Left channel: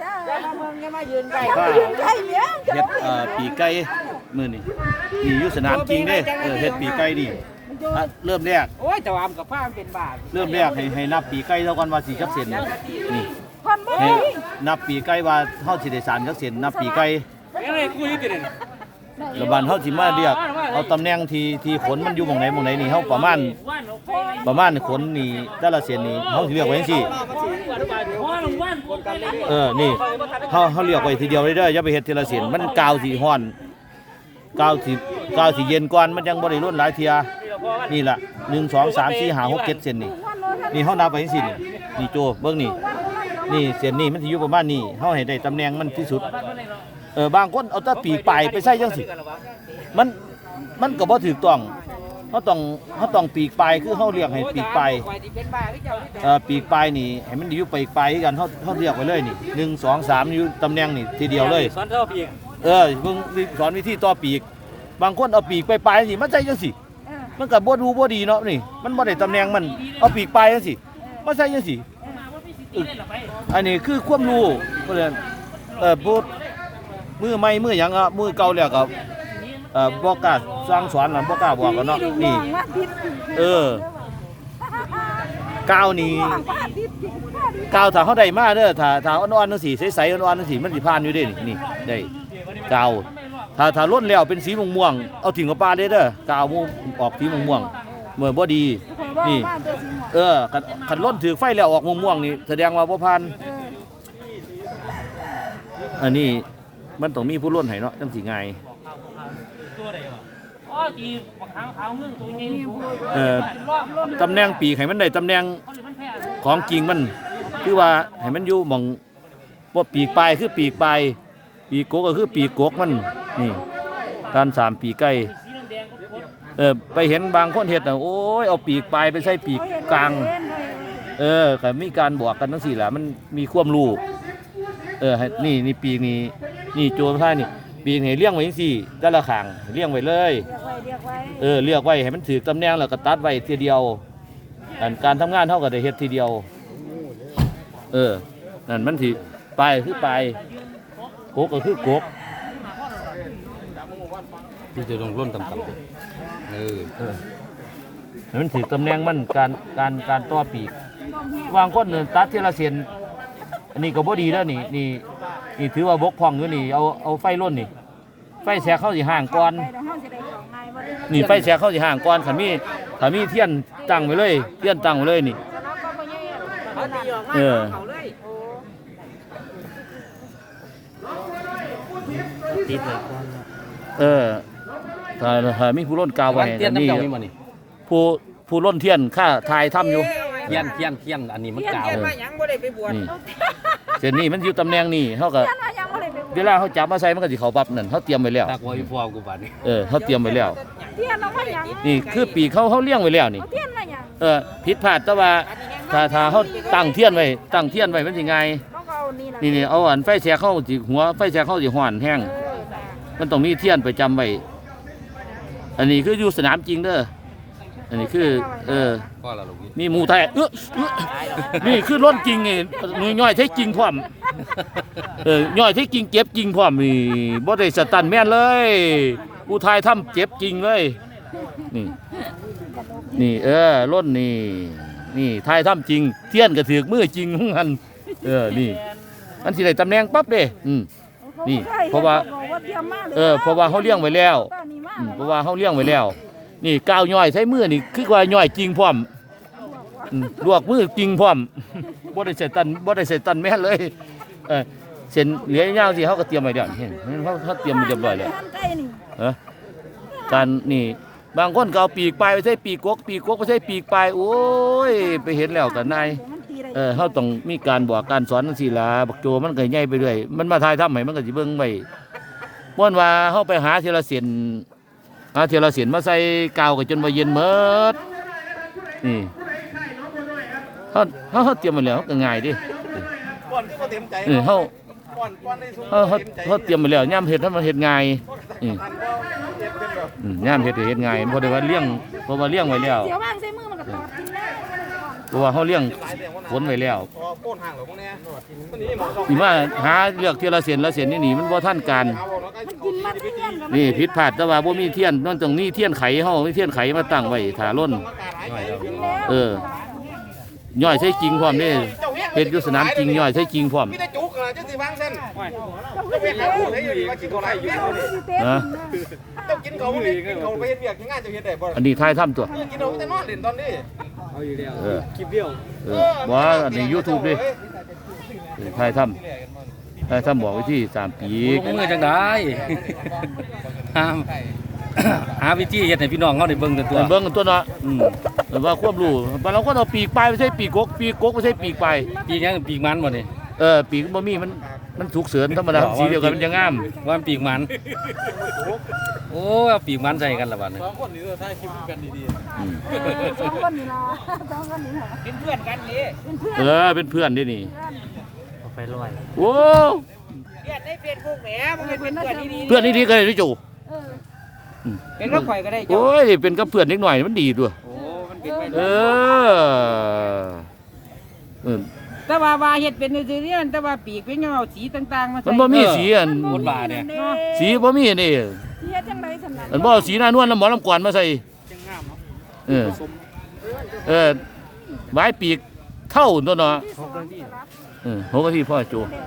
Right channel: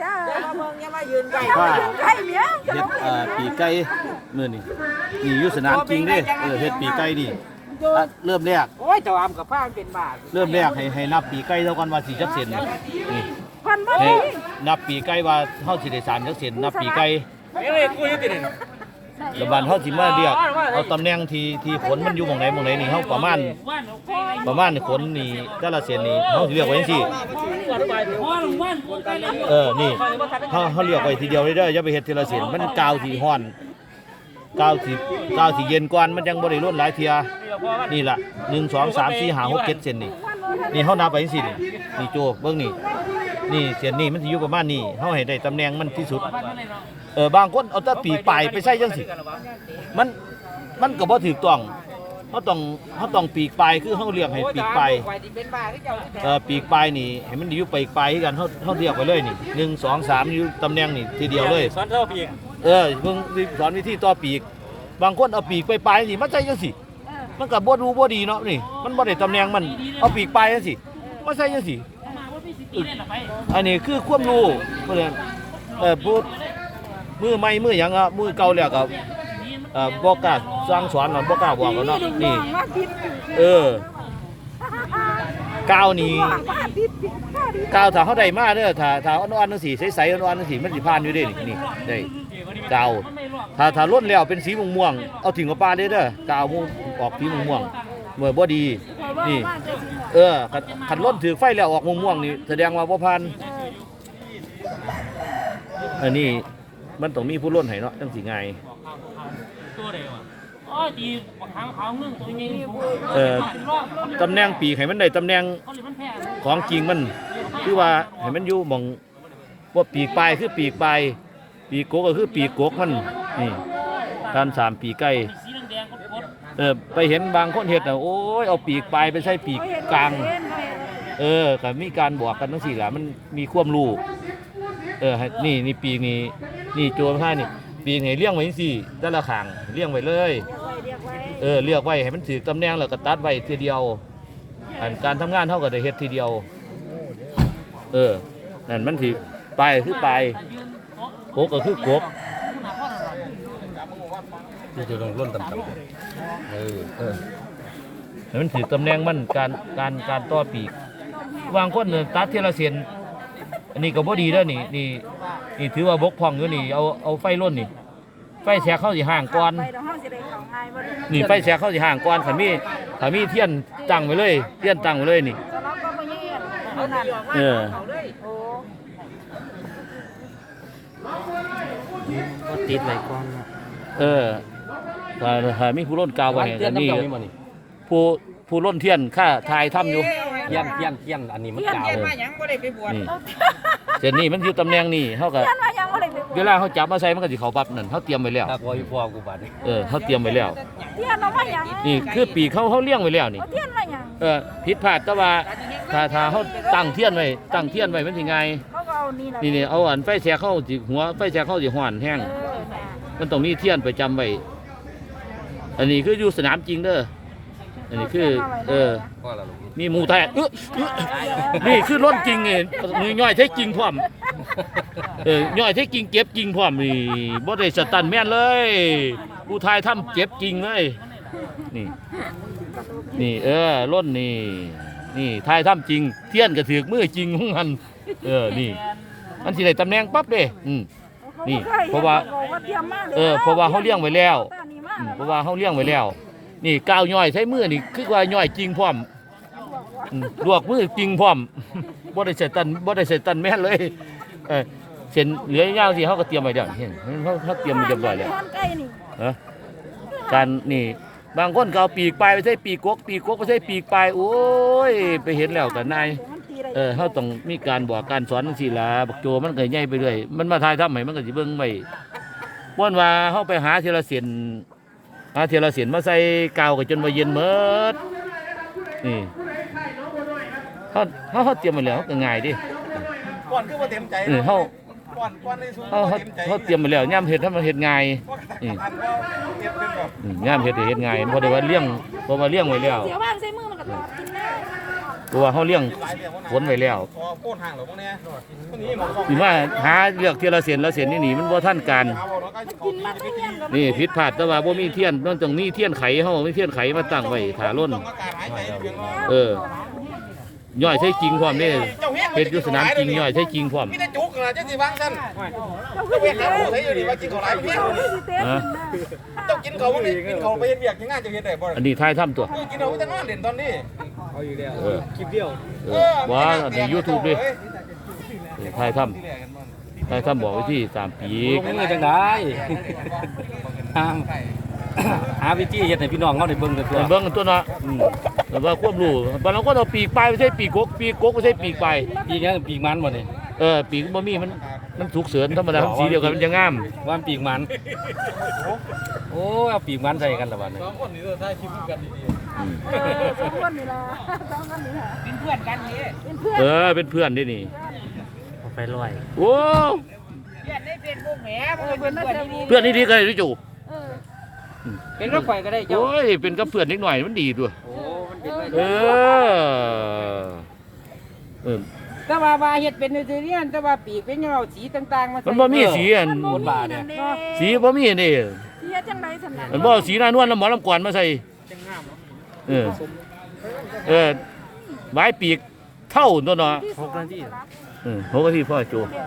อย่ามาเมืองอย่ามายืนไกลป้าใช่เนี้ยเฮ็ดเอ่อปีกไก่มื้อนี้นี่อยู่สนามจริงเด้เออเฮ็ดปีกไก่นี่อะเริ่มแรกโอ้ยแต่วามกับผ้ามันเป็นบาทเริ่มแรกให้ให้นับปีกไก่เท่ากันว่าสิจักเซนนี่นี่พันบ่ให้ดีนับปีกไก่ว่าเฮาสิได้สารจักเซนนับปีกไก่ เอ้ยกูอยู่ที่นี่ แล้วบัดเฮาสิมาเรียกเอาตำแหน่งที่ที่ขนมันอยู่หม่องไหนหม่องไหนนี่เฮาประมาณประมาณขนนี่แต่ละเส้นนี่เฮาสิเรียกไว้จังซี่เออนี่เฮาเฮาเรียกไว้ทีเดียวเลยเด้ออย่าไปเฮ็ดทีละเส้นมันกาวสิฮ้อนกาวสิกาวสิเย็นก่อนมันยังบ่ได้ล้นหลายเทียนี่ล่ะ1 2 3 4 5 6 7เส้นนี่นี่เฮานับไปจังซี่นี่นี่โจเบิ่งนี่นี่เส้นนี่มันสิอยู่ประมาณนี้เฮาให้ได้ตำแหน่งมันที่สุด ออบางคนเอาแต่ปีกปลายไปใส่จังสิมันมันก็บ่ถูกต้องเขาต้องเขาต้องปีกปลายคือเขาเรียกให้ปีกปลายไว้ที่เป็นบาทก็เจ้าที่แต่เอ่อปีกปลายนี่ให้มันอยู่ปีกปลายกันเขาเขาเรียกไว้เลยนี่หนึ่งสองสามอยู่ตำแหน่งนี่ทีเดียวเลยสอนเท่าปีกเออเพิ่งสอนวิธีต่อปีก บางคนเอาปีกไปปลายๆสิมันใช่จังสิมันก็บ่ดูบ่ดีเนาะนี่มันบ่ได้ตำแหน่งมันเอาปีกปลายจังสิมันใช่จังสิอันนี้คือความรู้เพื่อนเออพูด มือใหม่มือหยังอะมือเก่าแล้วก็เอ่อบ่กล้าสร้างสอนอะบ่กล้าบอกกันเนาะนี่ ว่าติดเออ ก้าวนี้ว่าติดก้าวถ้าเขาได้มาเด้อถ้าถ้าอ่อนๆจังซี่ใสๆอ่อนๆจังซี่มันสิผ่านอยู่เด้นี่นี่ได้ก้าวถ้าถ้าล้นแล้วเป็นสีม่วงๆเอาทิ้งกับปลาเด้อเด้อก้าวม่วงออกสีม่วงๆเมื่อบ่ดี นี่ เออคันคันล้นถือไฟแล้วออกม่วงๆนี่แสดงว่าบ่ผ่านอันนี้ มันต้องมีผู้ล้นให้เนาะจังสิง่ายตัวใดวะอ๋อตีบักหางขาวนึ่งตัวยิงเออตำแหน่งปีกให้มันได้ตำแหน่งเขาเลยมันแพ้ของจริงมันคือว่าให้มันอยู่หมองว่าปีกปลายคือปีกปลายปีกกกก็คือปีกกกมันนี่ตอนสามปีกไก่สีแดงก็กดเออไปเห็นบางคนเห็ดน่ะโอ้ยเอาปีกปลายไปใส่ปีกกลาง เออก็มีการบอกกันทั้งสี่แหละมันมีความรู้เออให้นี่นี่ปีกนี่ นี่โจรผ้านี่ปีกให้เลี้ยงไว้จังสี่ด้านละขางเลี้ยงไว้เลย เรียกไว้เรียกไว้เออเลือกไว้ให้มันถือตำแหน่งแล้วก็ตัดไว้ทีเดียวอันการทำงานเท่ากับได้เฮ็ดทีเดียว เออนั่นมันถือปลายคือปลายโกกก็คือกกที่จะลงร่นต่ำๆเออเออให้มันถือตำแหน่งมันการการการต่อปีกวางคนหนึ่งตัดทีละเส้นอันนี้ก็บ่ดีแล้วนี่นี่ นี่ถือว่าบกพร่องอยู่นี่เอาเอาไฟล้นนี่ ไฟแสกเข้าสิห่างก่อนไปเดี๋ยวห้องสิได้เข้าง่ายบ่ได้นี่ไฟแสกเข้าสิห่างก่อนขันมีขันมีเทียนตั้งไว้เลยเทียนตั้งไว้เลยนี่จะล็อกก็บ่มีเออเขาเลยโอ้ก็ติดไว้ก่อนเนาะเออถ้าถ้ามีผู้ล้นกาวไว้เทียนมีน้ำเจ้านี่มานี่ผู้ผู้ล้นเทียนค่าทายถ้ำอยู่ เทียนเทียนเทียนอันนี้มันเทียนกาวเทียนมาหยังบ่ได้ไปบวชนี่เส้นนี้มันอยู่ตำแหน่งนี่เขาก็เทียนว่ายังบ่ได้เวลาเขาจับมาใส่มันก็สิเขาปั๊บนั่นเขาเตรียมไว้แล้วตาคอยพ่อกูบาดนี่เออเขาเตรียมไว้แล้ว เทียนเอามายังนี่คือปีกเขาเขาเลี้ยงไว้แล้วนี่เอาเทียนมายังเออผิดพลาดแต่ว่าถ้าถ้าเขาตั้งเทียนไว้ตั้งเทียนไว้มันสิง่ายเขาก็เอานี่แหละนี่นี่เอาอันไฟแสกเข้าสิหัวไฟแสกเข้าสิห่อนแห้งเออน่ะมันต้องมีเทียนประจำไว้อันนี้คืออยู่สนามจริงเด้ออันนี้คือ เออพ่อเราลง นี่นี่หมูไทยเอ้อเอ้อนี่คือล้นจริงไงนี่ย่อยใช้จริงพร้อมเออย่อยใช้จริงเจ็บจริงพร้อมนี่บ่ได้สตันแม่นเลยผู้ไทยทำเจ็บจริงเลย นี่ นี่ เออล้นนี่ นี่ไทยทำจริง เทียนก็ถือกมือจริงของมันเออนี่มันสิได้ตำแหน่งปั๊บเด้อืม นี่เพราะว่าเตรียมมาลยเออเพราะว่าเขาเลี้ยงไว้แล้วตอนนี้มาอืมเพราะว่าเขาเลี้ยงไว้แล้ว นี่ก้าวย่อยใช้มือนี่คือว่าย่อยจริงพร้อมอืม ลวกมือจริงพร้อมบ่ได้ใส่ตันบ่ได้ใส่ตันแม่นเลยเออเส้นเหลือยาวสิเขาก็เตรียมไว้แล้วเห็นเขาเขาเตรียมไว้เรียบร้อยแล้วทานไก่นี่เออการนี่บางคนก็เอาปีกปลายไปใส่ปีกกกปีกกกไปใส่ปีกปลายโอ้ยไปเห็นแล้วก็นายมันตีได้เออเขาต้องมีการบอกการสอนจังซี่ล่ะบักโจมันก็ใหญ่ไปเรื่อยมันมาทายทำให้มันก็สิเบิ่งไว้ม่วนว่าเฮาไปหาทีละเส้นหาทีละเส้นมาใส่กาวก็จนว่าเย็นหมดนี่ เฮาเฮาเฮาเตรียมไว้แล้วก็ง่ายดิก่อนคือบ่เต็มใจเออเฮาก่อนก่อนในสูงเฮาเฮาเฮาเตรียมไว้แล้วยามเฮ็ดให้มันเฮ็ดง่ายอืมอันก็เก็บเป็นแบบอืมยามเฮ็ดให้เฮ็ดง่ายบ่ได้ว่าเลี้ยงบ่มาเลี้ยงไว้แล้วเสียวางใส่มือมันก็ตอดกินได้มันเพราะว่าเขาเลี้ยงฝนไว้แล้วพอโค่นห่างหรอพวกเนี้ยวันนี้หมองอีมาหาเลือกเทียละเส้นละเส้นนี่หนีมันบ่ทันการกินมาทุกอย่างก็นี่ผิดพลาดแต่ว่าบ่มีเทียนมันต้องมีเทียนไขเฮามีเทียนไขมาตั้งไว้ถ้าล้นอากาศหายใจเพียงเออ ย่อยใช้จริงพร้อมเด้เฮ็ดอยู่สนามจริงย่อยใช้จริงพร้อมมีแต่จุกนะจังสิวางซั่นเจ้าเจ้าไปหาผู้ใช้อยู่ดีว่ากินเขาไรเนี่ยสิเต้นนะเจ้ากินเขาบ่มีกินเขาไปเฮ็ดเวียกยังงานจะเฮ็ดได้บ่อันนี้ทายทำตัวกินเขาแต่นอนเล่นตอนนี้เออเออบ่อันนี้ YouTube ดิเออทายทำทายทำบอกวิธีสามปีกมือจังได้ ห้ามหาวิธีเฮ็ดให้พี่น้องเขาได้เบิ่งกันตัวเบิ่งกันตัวเนาะอืมแต่ว่าควบรู้บางเราก็เอาปีกปลายไม่ใช่ปีกกกปีกกกไม่ใช่ปีกปลายปีกยังปีกมันบ่นี่เออปีกบ่มีมันมันถูกเสริญธรรมดาสีเดียวกันมันจะงามว่ามันปีกมันโอ้เอาปีกมันใส่กันละบัดนี้อืมเออสองคนนี่ล่ะสองคนนี่ล่ะกินเพื่อนกันนี่เป็นเพื่อนเออเป็นเพื่อนด้วยนี่เอาไปลอยโอ้เพื่อนในเฟซบุ๊กแหมบ่เป็นเพื่อนดีเพื่อนนี่ดีก็ได้ด้วยจู เออเป็นว่าข่อยก็ได้เจ้าโอ้ยเป็นกับเพื่อนนิดหน่อยมันดีด้วยโอ้มันเป็นเออเออแต่ว่าว่าเฮ็ดเป็นซื่อๆเนี่ยแต่ว่าปีกเป็นเงาสีต่างๆมามันบ่มีสีอันมันบ่มีนั่นเด้สีบ่มีนี่เฮ็ดจังได๋ซั่นน่ะมันบ่เอาสีหน้านวลแล้วหมอลำกวนมาใส่เออเออไว้ปีกเท่าตัวเนาะที่สองสลับ เออหกนาทีพ่อโจแล้ว